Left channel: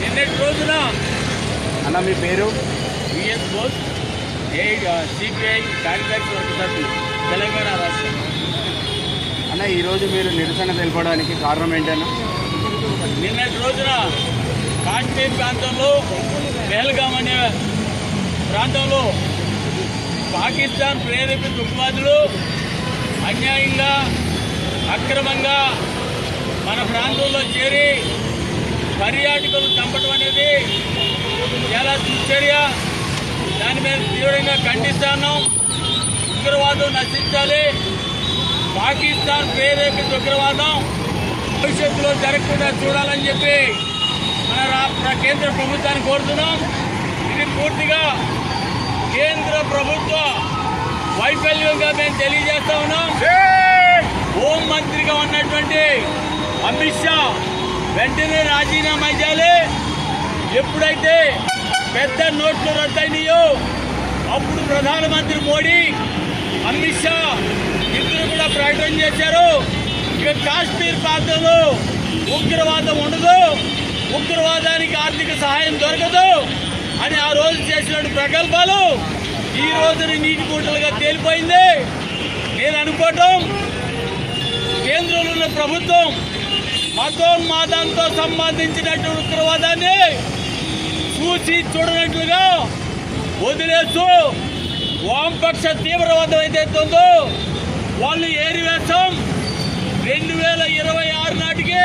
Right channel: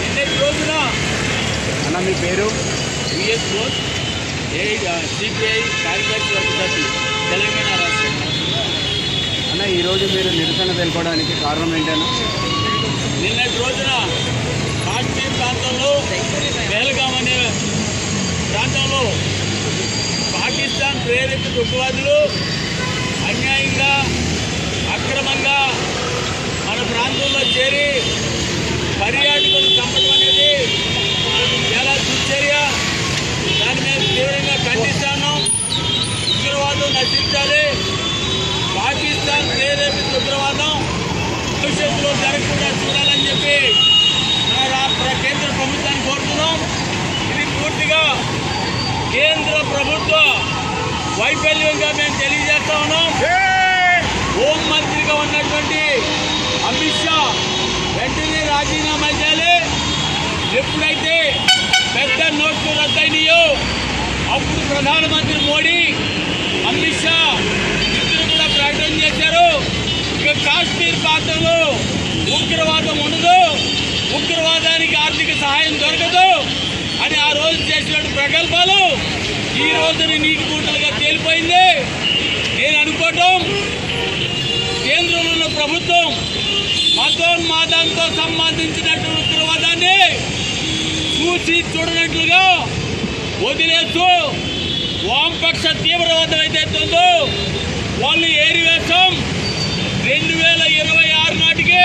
నిన్నటి రోజున అన్న మీ పేరు విఎస్ బోస్ సిపిఐ కార్యదర్శి సభ్యులు తెలంగాణ రాష్ట్రం. అన్న ఈరోజు మీరు నిరసన తెలుపడానికి కారణం ఏంటన్నా? నిన్నటి రోజున కాశ్మీర్ ప్రాంతంలో పెహల్గాం అనే ప్రాంతంలో పాకిస్తాన్ ప్రేరేపిత ఉగ్రవాదులు అన్యాయంగా అక్రమంగా మన ప్రాంతంలో చేరి పర్యాటకులు చంపడం అనేది చాలా దుశ్చర్య. దాని మీద తీవ్రంగా ఖండిస్తాను. ఉగ్రవాదం నశించాలి. పాకిస్తాన్ ప్రేరేపిత ఉగ్రవాదం భవిష్యత్తులో జరగకుండా చూడాలని చెప్పి కేంద్ర ప్రభుత్వాన్ని కోరుతున్నాం. ఇది పూర్తిగా కేంద్ర ప్రభుత్వ వైఫల్యంగా మేము తెలియజేస్తా ఉన్నాం. హోంమంత్రిగా ఉన్నటువంటి అమిత్ షా వెంటనే రాజీనామా చేయాలి. ఎప్పుడైతే పెద్ద నోట్లు రద్దయినాయో అప్పుడు ప్రధానమంత్రి మోడీ, అమిత్ షా ఇద్దరు కూడా ప్రకటన చేశారు, ఇక కాశ్మీర్ ప్రాంతంలో ఉగ్రవాదం ఉండదు, ఉగ్రవాదానికి ఆర్థిక సహాయం దొరకదు అని ఆ రోజు చేసిన ప్రకల్పాలు ఈ రోజుని నీటి గుంటలుగా తేలిపోయింది. నేను అనుకోవటం కేంద్రంలో ఉన్న ప్రభుత్వం మతోన్మాదంతో సంబంధించినట్టు ఉగ్రవాదాన్ని చూసి చూడనట్లుగా వదిలేస్తూ వామపక్ష తీవ్రవాదం ఏదైతుందో వాళ్ళు ఏరివేస్తాం 2026 నాటికి